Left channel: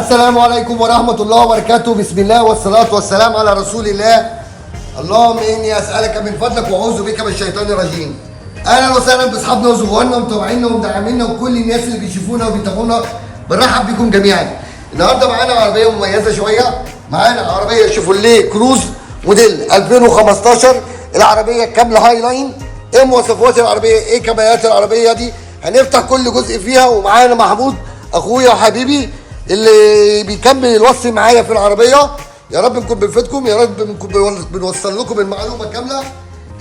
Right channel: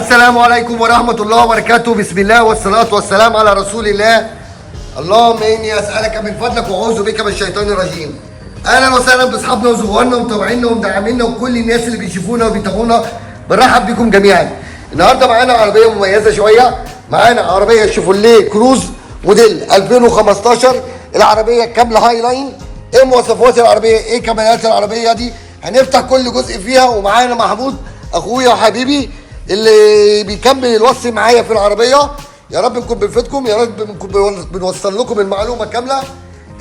السلام عليكم ورحمة الله وبركاته. بسم الله والصلاة والسلام على رسول الله. اللهم إني أسألك من فضلك وأعوذ بك من الشيطان الرجيم. أهلا وسهلا بأصحابنا وزبوننا ومتابعينا ومدعمينا وكل الناس اللي بيشوفونا وبيتابعونا، بنرحب بكم جميعا. النهارده معانا عربية مميزة شوية، معانا عربية شيفروليه كروز موديل 2015. العربية كاملة هاي لاين. إيه مواصفات العربية؟ إيه كماليات العربية دي؟ هنفتح كل جزء فيها، ومعانا محمود أخويا وحبيبي اللي بيكمل الوصف معايا في العربيه. يا رب نكون بنفيدكم، يا رب نكون بنوصل لكم المعلومه كامله.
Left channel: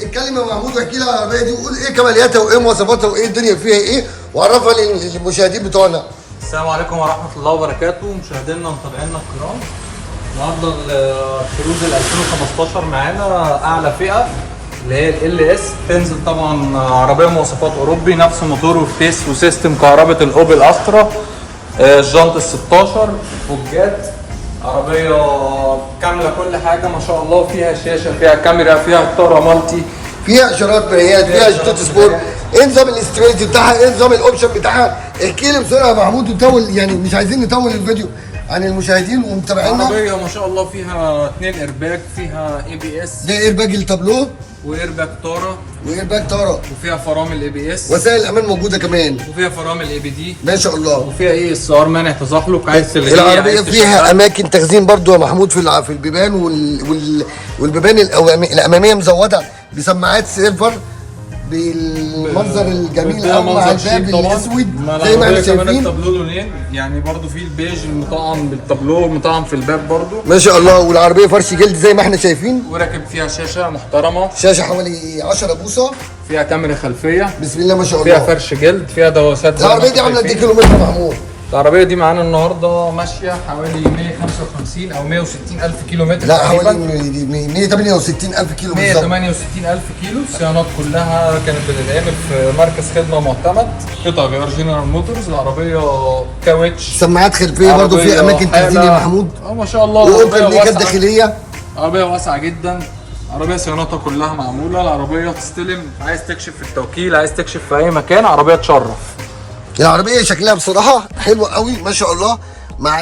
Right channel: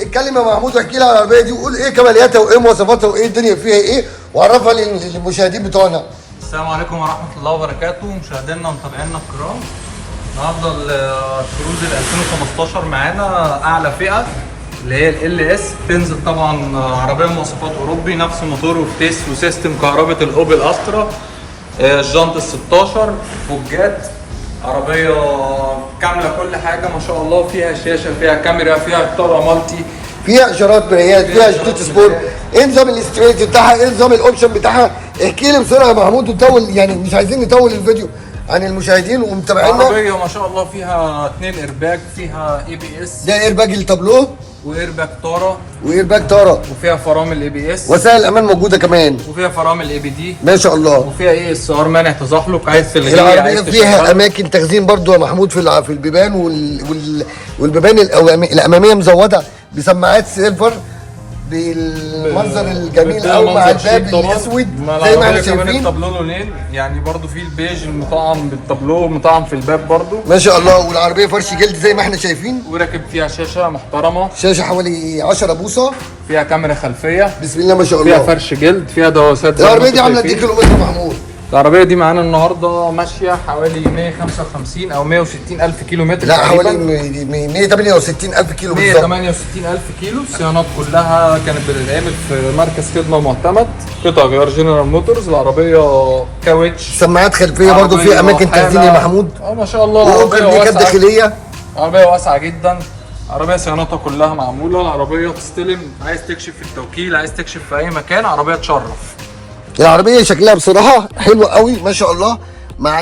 اتكلم يا محمود واحكي لي على العربيه دي وقول ايه كمالياتها وايه مواصفاتها وايه الدنيا فيها ايه، وعرفها للمشاهدين بتوعنا. السلام عليكم ورحمه الله وبركاته، مشاهدينا ومتابعينا الكرام. النهارده الكروز ال 2015 معانا اعلى فئه اللي هي ال اس. تنزل طبعا عربيه مواصفات اوروبي، نفس موتور وفتيس وسيستم كهرباء الاوبل استرا، الجنط ال 16 فوجات. عربية كاملة كل حاجة ما شاء الله، فيها شاشة، فيها كاميرا، فيها اطارة مالتي، فيها اشارات بريات، فيها شتات سبورت. ايه نظام الاستريتش بتاعها؟ ايه نظام الاوبشن بتاعها؟ احكي لي بسرعة يا محمود وطول، يعني مش عايزين نطول الفيديو عن المشاهدين ومتابعينا. عربية ما شاء الله فيها 2 ايرباج، فيها اي بي اس، ده ايرباج التابلو وايرباج طارة، وايرباج طارة، وفيها فرامل اي بي اس، وسائل الامان موجودة كمان، وفيها فرامل اي بي دي ما شاء الله، وفيها اي اس ار مانع تزحلق. عايز تلغيه، العربية فيها أماكن تخزين برضو يا محمود في البيبان والبيبان الأمامية مزودة بسماعات سيلفر بالمنظر الجميل قوي مع الباب الأسود زي ما احنا شايفين. التابلو لونين، يعني برضو في البيج مطعم بالتابلو، مطعم في الباب برضو ما شاء الله. والعربية فرش جلد زي ما احنا شايفين، وراكب فيها شاشة محترمة، شاشة حوالي 10 بوصة، فيها كاميرا خلفية، بسم الله ما شاء فيها الله. فرش جلد، فيها دواسات. العربية دي عاملة قد ايه كيلومتر يا محمود؟ العربية دي معانا النهارده ماشية حوالي 155 أو 160 ألف كيلو متر. لا حوالي 168 ألف كيلو بالظبط. 168 ألف كيلو. الصيانات كلها كانت بتتعمل في مركز خدمة معتمد، قطع غيار جنرال موتورز. العربية كاوتش، سماعات خلفية برضو، في أماكن تخزين يا محمود، ما شاء الله. وأوكرليكات داخلية. عربية واسعة جدا، عربية صيانتها كلها معمولة. العربية تستلم، عايز تكشف في التوكيل، عايز تكشف في أي مكان، عربية تشرف. العربية شكلها بصراحة حلو قوي ما شاء الله، مع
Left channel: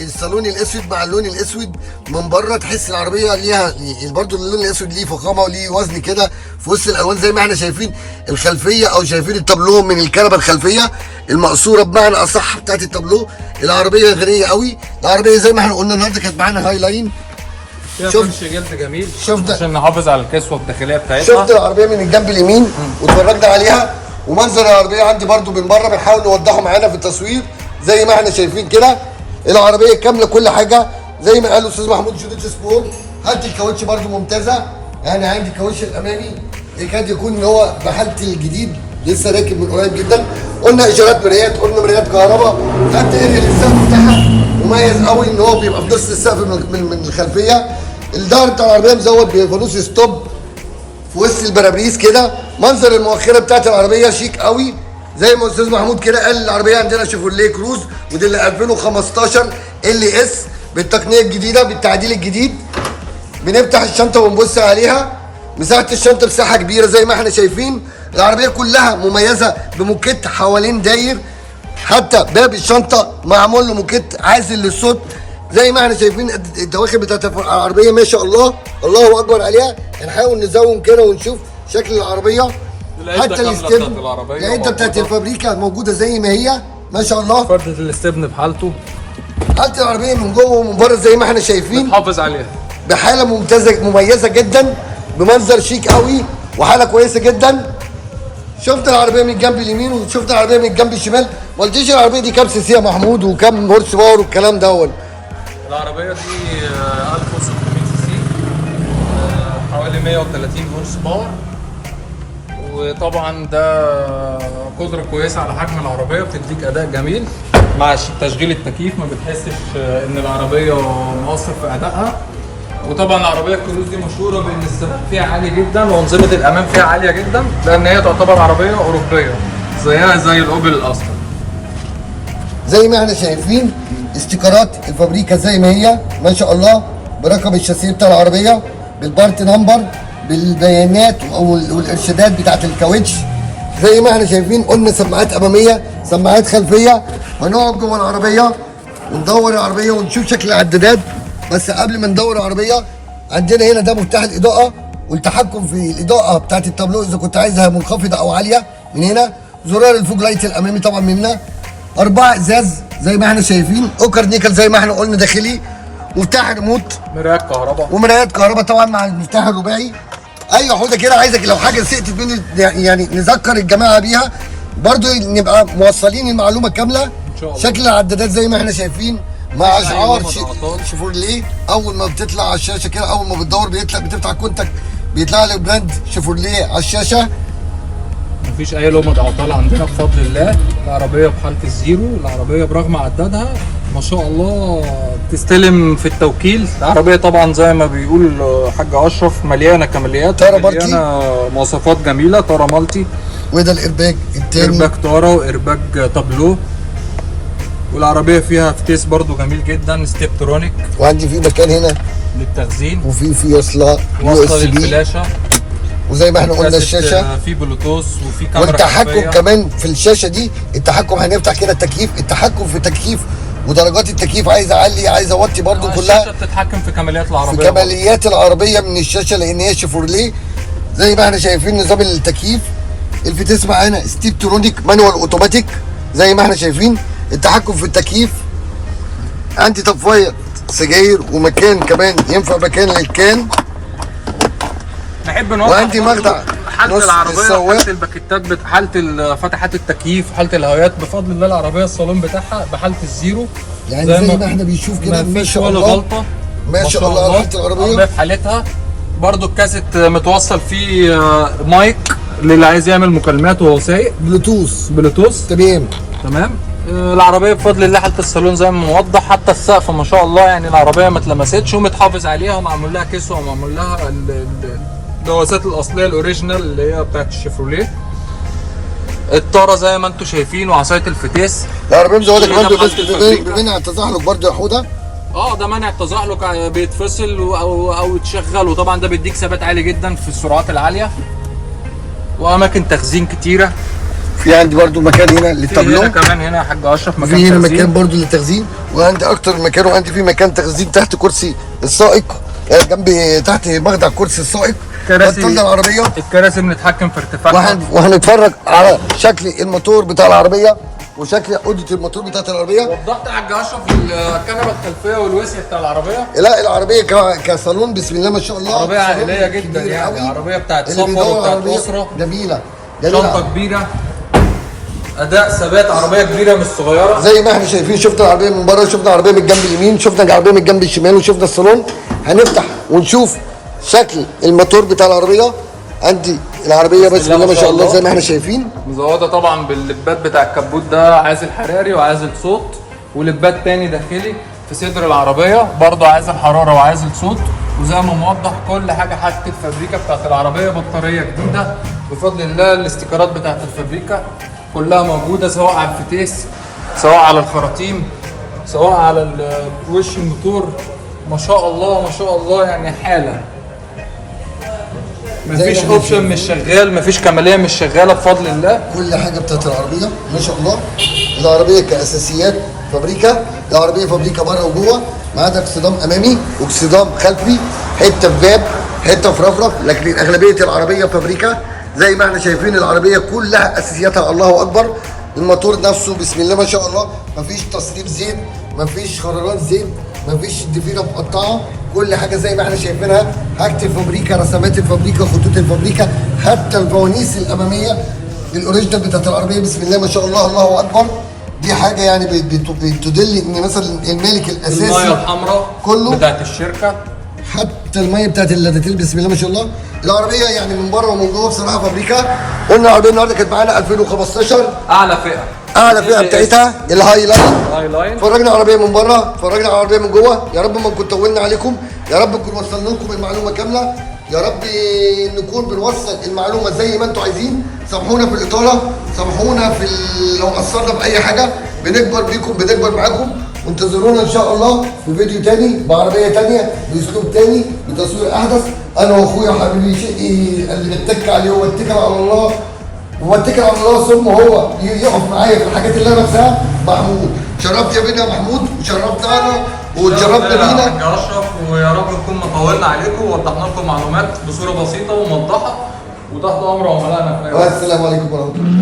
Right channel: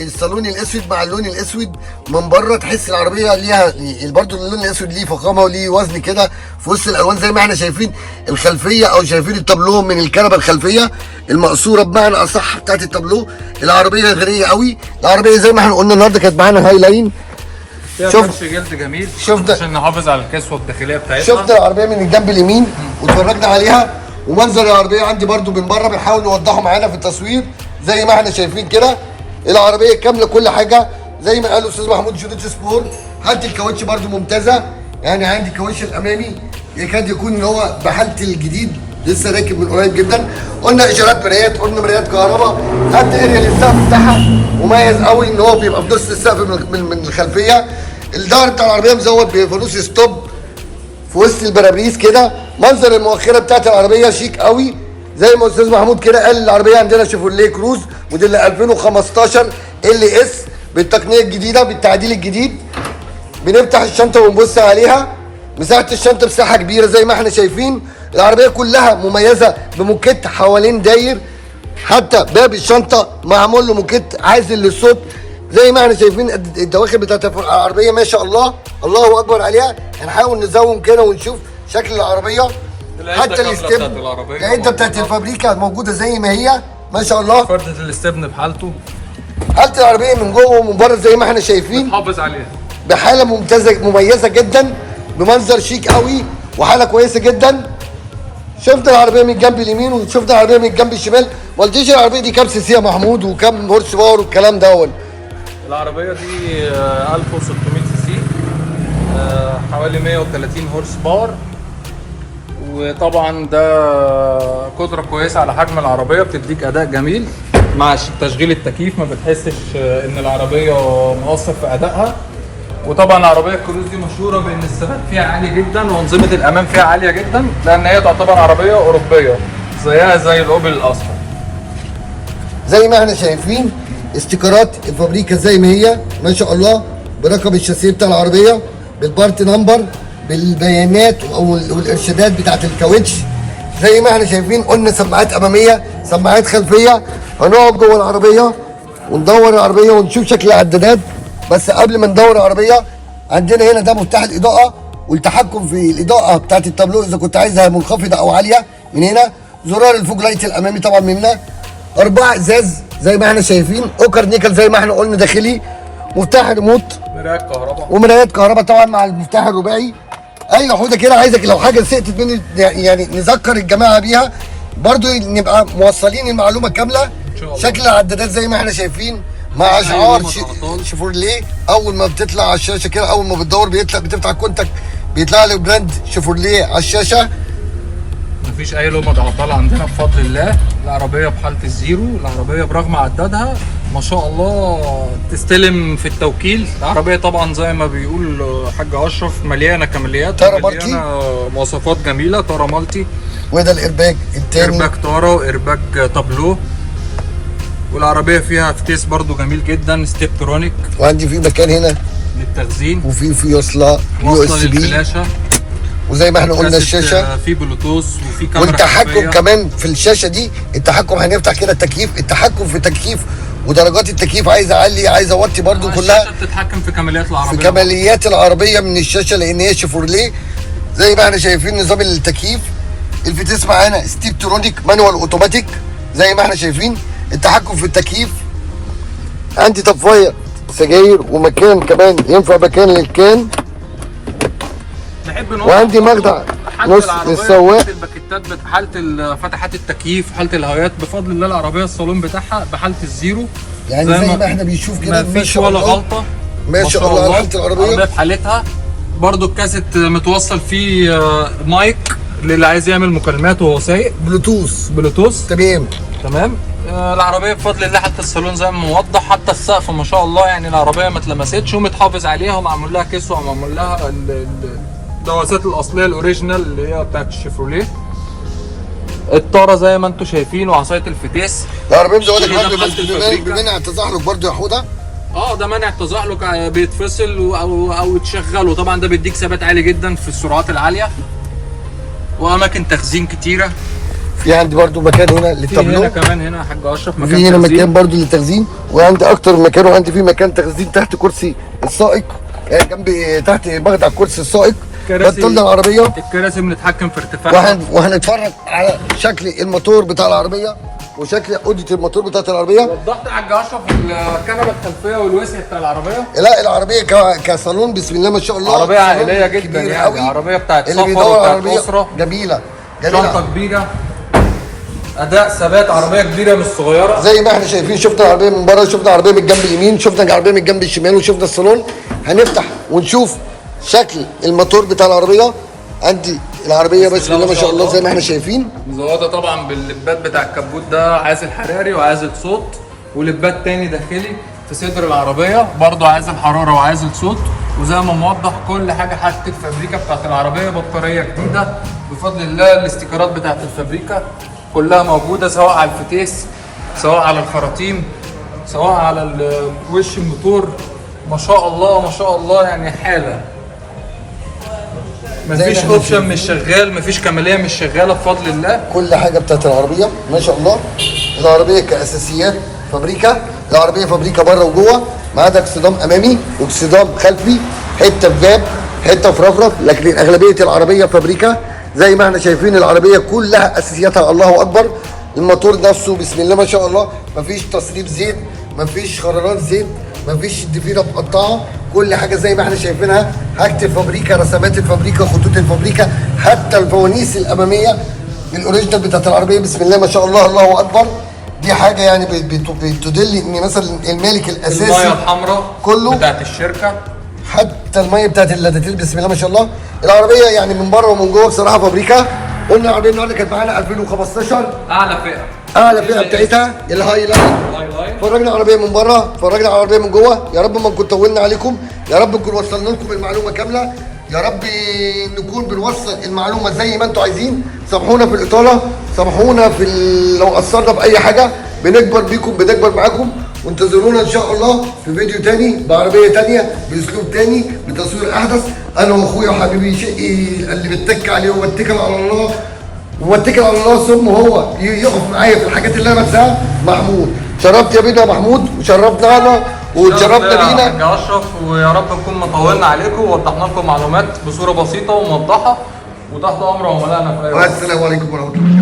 الصالون الاسود مع اللون الاسود من بره. تحس العربية ليها برضو اللون الاسود ليه فخامة وليه وزن كده في وسط الالوان زي ما احنا شايفين. الخلفية او شايفين التابلو من الكنبة الخلفية المقصورة بمعنى اصح بتاعت التابلو. العربية غنية قوي. العربية زي ما احنا قلنا النهارده كانت معانا هاي لاين، فيها فرش جلد جميل. شفت عشان نحافظ على الكسوة الداخلية بتاعتها. شفت العربية من الجنب اليمين واتفرجنا عليها، ومنظر العربيه عندي برضو من بره بنحاول نوضحه معانا في التصوير زي ما احنا شايفين كده. العربيه كامله كل حاجه زي ما قال الاستاذ محمود، شدود سبور. حالة الكاوتش برضو ممتازه، يعني عندي الكاوتش الامامي يكاد يكون ان هو بحاله الجديد، لسه راكب من قريب جدا. قلنا اشارات مرايات، قلنا مرايات كهرباء. خدت اريا للسقف بتاعها مميز قوي ان هو بيبقى في نص السقف من الخلفيه. الظهر بتاع العربيه مزود بفانوس ستوب في وسط البرابريز كده. منظر المؤخره بتاعت العربيه شيك قوي زي ما استاذ محمود كده قال. العربيه عندنا شيفروليه كروز موديل 2015 ال اس بالتقنيه الجديده بالتعديل الجديد. بنفتح الشنطه ونبص عليها، مساحه الشنطه مساحه كبيره زي ما احنا شايفين. العربيه كلها مميزه بموكيت حوالين داير، حتى باب الشنطه معمول له موكيت عازل للصوت زي ما احنا شايفين. الدواخل بتاعت العربيه ما شاء الله، الله اكبر عليها. هنحاول نزوم كده ونشوف شكل العربيه. حتى الاستبن، العده بتاعت الفابريكا موجوده زي ما هي ما شاء الله. فردة الاستبن بحالته، حالة العربيه من جوه ومن بره زي ما احنا شايفين، حافظ عليها بحاله مميزه جدا، بمنظر شيك قوي وحاله كويسه جدا. شفت العربيه من الجنب اليمين وشفت العربيه من الجنب الشمال. ما قلتيش العربيه دي كام سي سي يا محمود وكام هورس باور والكلام ده؟ العربية دي 1600 سي سي، حوالي 130 هورس باور. وطبعا ده قدرة كويسة على حجم العربية، بتديك أداء جميل مع تشغيل التكييف، ما بتحسش إن العربية مقصر في أدائها. وطبعا العربية الكروز دي مشهورة بإن الثبات فيها عالي جدا وأنظمة الأمان فيها عالية جدا، لأن هي تعتبر عربية أوروبية زيها زي الأوبل الأصلي. زي ما احنا شايفين استيكرات الفابريكا زي ما هي ما شاء الله، برقم الشاسيه بتاع العربيه، بالبارت نمبر، بالبيانات والارشادات بتاعت الكاوتش زي ما احنا شايفين. قلنا سماعات اماميه، سماعات خلفيه. هنقعد جوه العربيه وندور العربيه ونشوف شكل العدادات. بس قبل ما ندور العربيه، عندنا هنا ده مفتاح الاضاءه والتحكم في الاضاءه بتاعت التابلو اذا كنت عايزها منخفضه او عاليه من هنا. زرار الفوج لايت الامامي طبعا من هنا. 4 ازاز زي ما احنا شايفين، اوكر نيكل زي ما احنا قلنا داخلي. مفتاح ريموت، مرايات كهرباء، ومرايات كهرباء طبعا مع المفتاح الرباعي. اي حوضه كده عايزك لو حاجه سقطت مني يعني نذكر الجماعه بيها برضو، نبقى موصلين المعلومه كامله. ان شاء الله. شكل العدادات زي ما احنا شايفين مع شعار شيفورليه. اول ما بتطلع على الشاشه كده، اول ما بتدور بتفتح الكونتاكت بيطلع لك براند شيفورليه على الشاشه. مفيش اي لمض عطال عندنا بفضل الله. العربيه بحاله الزيرو، العربيه برغم عدادها ما شاء الله تستلم في التوكيل. العربيه طبعا زي ما بيقول حاج اشرف مليانه كماليات، تارا مليانه مواصفات جميله. تارا مالتي، وده الارباج التاني، ارباج تارا وارباج تابلو. والعربيه فيها فتيس برضو جميل جدا ستيبترونيك، وعندي في مكان هنا للتخزين، وفي وصله يو اس بي، للفلاشه، وزي ما احنا قلنا الشاشه في بلوتوث وفي كاميرا والتحكم خلفية. كمان في الشاشه دي. التحكم هنفتح كده التكييف، التحكم في التكييف ودرجات التكييف، عايز اعلي عايز اوطي برضو كلها. الشاشه بتتحكم في كماليات العربيه، في كماليات العربيه من الشاشه لان هي شيفورليه. زي ما احنا شايفين نظام التكييف. الفتيس معانا ستيبترونيك مانوال اوتوماتيك زي ما احنا شايفين. التحكم في التكييف. عندي طفايه سجاير ومكان كمان ينفع مكان للكان. نحب نوضح وعندي مخدع حالة نص العربية، للسواق. حالة الباكيتات، حالة فتحات التكييف، حالة الهوايات. بفضل الله العربية الصالون بتاعها بحالة الزيرو، يعني زي ما احنا بنشوف كده ما ما فيش شاء ولا الله. غلطة. ما شاء الله على حالة العربية. في حالتها برضو الكاسيت متوصل فيه مايك للي عايز يعمل مكالمات وهو سايق، بلوتوث تمام. تمام. العربيه بفضل الله حتى الصالون زي ما موضح، حتى السقف ما شاء الله، يعني العربيه ما اتلمستش ومتحافظ عليها ومعمول لها كسوه ومعمول لها الدواسات الاصليه الاوريجينال اللي هي بتاعت الشيفروليه. الطاره زي ما انتم شايفين وعصايه الفتيس. العربيه مزوده كمان ده بحالة الفابريكا. بمنع التزحلق برضه يا حوده. ده منع التزحلق، بيتفصل او يتشغل، وطبعا ده بيديك ثبات عالي جدا في السرعات العاليه. واماكن تخزين كتيره. في عندي برضو مكان هنا للتابلو. هنا كمان هنا يا حاج اشرف مكان في هنا تخزين. مكان برضو للتخزين، وعندي اكتر من مكان، وعندي في مكان تخزين تحت كرسي السائق، جنب تحت مخدع كرسي السائق. كراسي طول العربيه. الكراسي بنتحكم في ارتفاعها. وهنتفرج على شكل الموتور بتاع العربيه وشكل اوضه الموتور بتاعت العربيه. وضحت يا حاج اشرف الكنبه الخلفيه والوسع بتاع العربيه. لا العربيه كصالون بسم الله ما شاء الله. عربيه عائليه جدا كبير يعني. قوي. عربيه بتاعت اللي صفا بيدور وبتاعت عربيه اسره. جميله شنطه كبيره. اداء ثبات، عربيه كبيره مش صغيره. زي ما احنا شايفين. شفنا العربيه من بره، شفنا العربيه من الجنب اليمين، شفنا العربيه من الجنب الشمال، وشفنا الصالون. هنفتح ونشوف شكل الموتور بتاع العربيه. عندي العربيه بسم الله ما شاء الله زي ما احنا شايفين. مزوده طبعا باللبات بتاع الكبوت ده، عازل حراري وعازل صوت، ولبات تاني داخلي في صدر العربيه برضه عازل حراره وعازل صوت. وزي ما موضح كل حاجه حاجه الفابريكا بتاعت العربيه. بطاريه جديده بفضل الله. الاستيكرات بتاعت الفابريكا كلها موجوده، سواء على الفتيس، سواء على الخراطيم، سواء على وش الموتور. ما شاء الله ما شاء الله، يعني حاله. مفيش اوبشن مش شغال، مفيش كماليه مش شغاله بفضل الله. كل حاجه بتاعت العربيه ما شاء الله. العربيه كاساسيات فابريكا. العربيه فابريكا بره وجوه، ما عدا اكسدام امامي واكسدام خلفي، حته في باب، حته في رفرف، لكن اغلبيه العربيه فابريكا. زي ما احنا شايفين العربيه كلها اساسياتها الله اكبر. الموتور نفسه بسم الله ما شاء الله، مفيش تصريف زيت، مفيش خرارات زيت، مفيش ضفيره مقطعه. كل حاجه زي ما احنا شايفينها. حاجه الفابريكا، رسمات الفابريكا، خطوط الفابريكا، حتى الفوانيس الاماميه الاوريجينال بتاعت العربيه بسم الله ما شاء الله الله اكبر. دي حاجه يعني بتدل ان مثلا المالك الاساسي الميه الحمراء كله بتاعت الشركه، حتى الميه بتاعت اللاداتيل بسم الله ما شاء الله. العربيه يعني من بره ومن جوه بصراحه فابريكا. قلنا العربيه النهارده كانت معانا 2015 اعلى فئه. اعلى فئه بتاعتها الهاي لاين. لاين. فرجنا العربيه من بره، فرجنا على العربيه من جوه. يا رب ما نكون طولنا عليكم، يا رب نكون وصلنا لكم المعلومه كامله، يا رب نكون بنوصل المعلومه زي ما انتم عايزين. سامحونا في الاطاله، سامحونا في لو قصرنا باي حاجه. بنكبر بيكم، بنكبر معاكم، وانتظرونا ان شاء الله في فيديو تاني بعربيه تانيه باسلوب تاني بتصوير احدث. انا واخويا وحبيبي شقي اللي بتك عليه وبتكل على الله واتكل على الله ثم هو يقف معايا في الحاجات اللي انا بنساها. محمود شرفت يا بينا يا محمود، وشرفتنا انا واتشرفنا بينا يا اشرف، ويا رب نكون مطولنا عليكم ووضحنا لكم معلومات بصوره بسيطه وموضحه، وتحت امر عملائنا في اي وقت. والسلام عليكم ورحمه الله.